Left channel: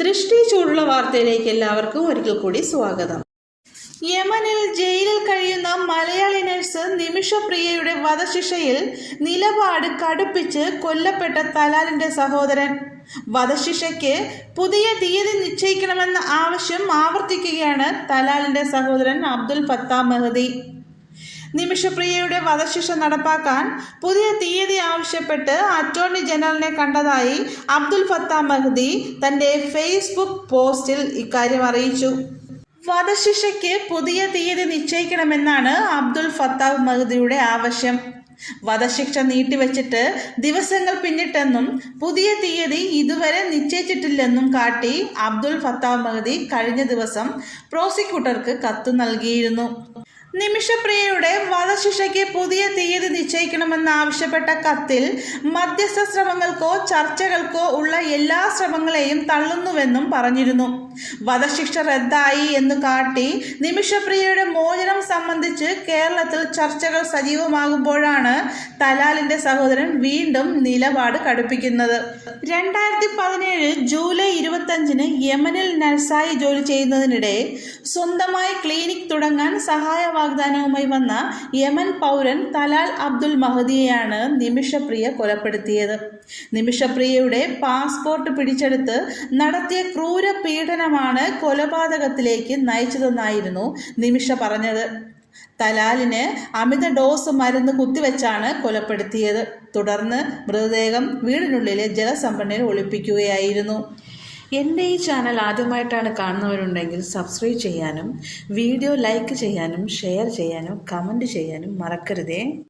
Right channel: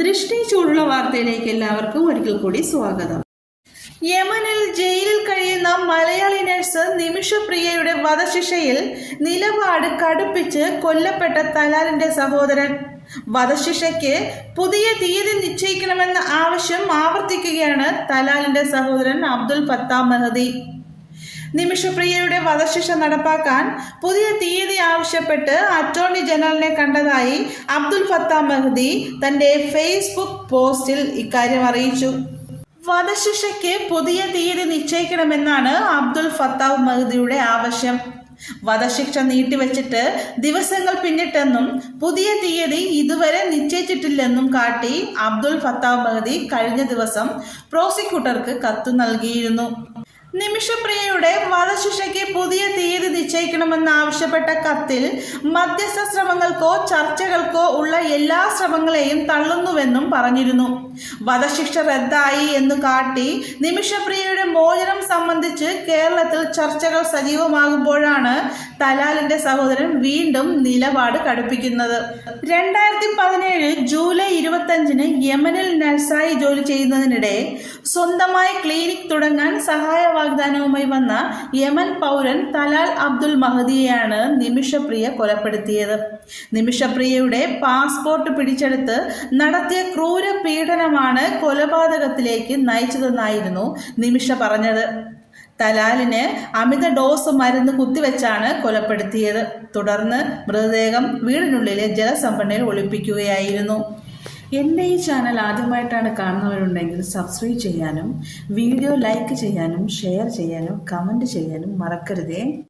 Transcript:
ദൃഷ്ടി ചൂടുള്ള വാർത്തയിലേക്ക് എല്ലാവർക്കും ഒരിക്കൽ കൂടി സ്വാഗതം. യമനിൽ ജയിലിൽ കഴിയുന്ന മലയാളി നഴ്സ് നിമിഷപ്രിയയുടെ വധശിക്ഷയിൽ നിലപാട് കടുപ്പിച്ച് കൊല്ലപ്പെട്ട തലാലിന്റെ സഹോദരൻ. വധശിക്ഷയ്ക്ക് പുതിയ തീയതി നിശ്ചയിക്കണമെന്ന ആവശ്യം ആവർത്തിക്കുകയാണ് തലാലിന്റെ സഹോദരൻ അബ്ദുൽ ഫത്താഹ് മെഹദി. നിമിഷപ്രിയയുടെ വധശിക്ഷ നടപ്പാക്കാൻ പുതിയ തീയതി ആവശ്യപ്പെട്ട് അറ്റോർണി ജനറലിനെ കണ്ടതായി അബ്ദുൽ ഫത്താഹ് മെഹദി തന്റെ ഫേസ്ബുക്ക് പോസ്റ്റിൽ ഇക്കാര്യം അറിയിച്ചു. വധശിക്ഷയ്ക്ക് പുതിയ തീയതി നിശ്ചയിക്കണമെന്നാണ് അബ്ദുൽ ഫത്താഹ് മെഹദിയുടെ ആവശ്യം. വധശിക്ഷ നീട്ടിവെച്ചിട്ട് ദിവസങ്ങൾ പിന്നിട്ടെന്നും പുതിയ തീയതി ഇതുവരെ നിശ്ചയിച്ചിട്ടില്ലെന്നും കാട്ടി അബ്ദുൽ ഫത്താഹ് മെഹദി കഴിഞ്ഞ ദിവസം പ്രോസിക്യൂട്ടർക്ക് കത്ത് നൽകിയിരുന്നു. നിമിഷപ്രിയയുടെ വധശിക്ഷയ്ക്ക് പുതിയ തീയതി നിശ്ചയിക്കണമെന്നാവശ്യപ്പെട്ട കത്തിൽ മധ്യസ്ഥ ശ്രമങ്ങൾക്കോ ചർച്ചകൾക്കോ ഉള്ള എല്ലാ ശ്രമങ്ങളെയും തള്ളുന്നുവെന്നും പറഞ്ഞിരുന്നു. വധശിക്ഷ റദ്ദായി എന്ന് കാട്ടി നിമിഷപ്രിയയുടെ മോചനം സംബന്ധിച്ച് കേരളത്തിൽ ചർച്ചകൾ സജീവമാകുമ്പോഴാണ് തലാലിന്റെ സഹോദരൻ വീണ്ടും നിലപാട് കടുപ്പിക്കുന്നത്. 2017 ജൂലൈ 25 യമനിൽ നഴ്സായി ജോലി ചെയ്യുന്നതിനിടെ സ്വന്തമായി ക്ലിനിക് തുടങ്ങാൻ സഹായ വാഗ്ദാനവുമായി വന്ന യമൻ പൗരൻ തലാൽ അബ്ദുൽ മഹദിയെയാണ് നിമിഷപ്രിയ കൊലപ്പെടുത്തിയത്. നിമിഷപ്രിയയുടെ പാസ്പോർട്ട് പിടിച്ചെടുത്ത് നടത്തിയ ക്രൂര പീഡനമാണ് കൊലപാതകത്തിലേക്ക് നയിച്ചതെന്നായിരുന്നു നിമിഷ പറഞ്ഞത്. തലാലിന് അമിത ഡോസ് മരുന്ന് കുത്തിവെച്ചാണ് കൊലപ്പെടുത്തിയത്. തുടർന്ന് മൃതദേഹം വീടിനുള്ളിലെ ജലസംഭരണിയിൽ ഒളിപ്പിക്കുകയായിരുന്നു. എൻ്റെ ഈ ചാനൽ ആദ്യമായിട്ടാണ് കാണുന്നവരുണ്ടെങ്കിൽ സബ്സ്ക്രൈബ് ചെയ്യാനും വീഡിയോ ലൈക്ക് ചെയ്യാനും ഷെയർ ചെയ്യാനും കമൻറ്റ് ചെയ്യാനും മറക്കരുതേ.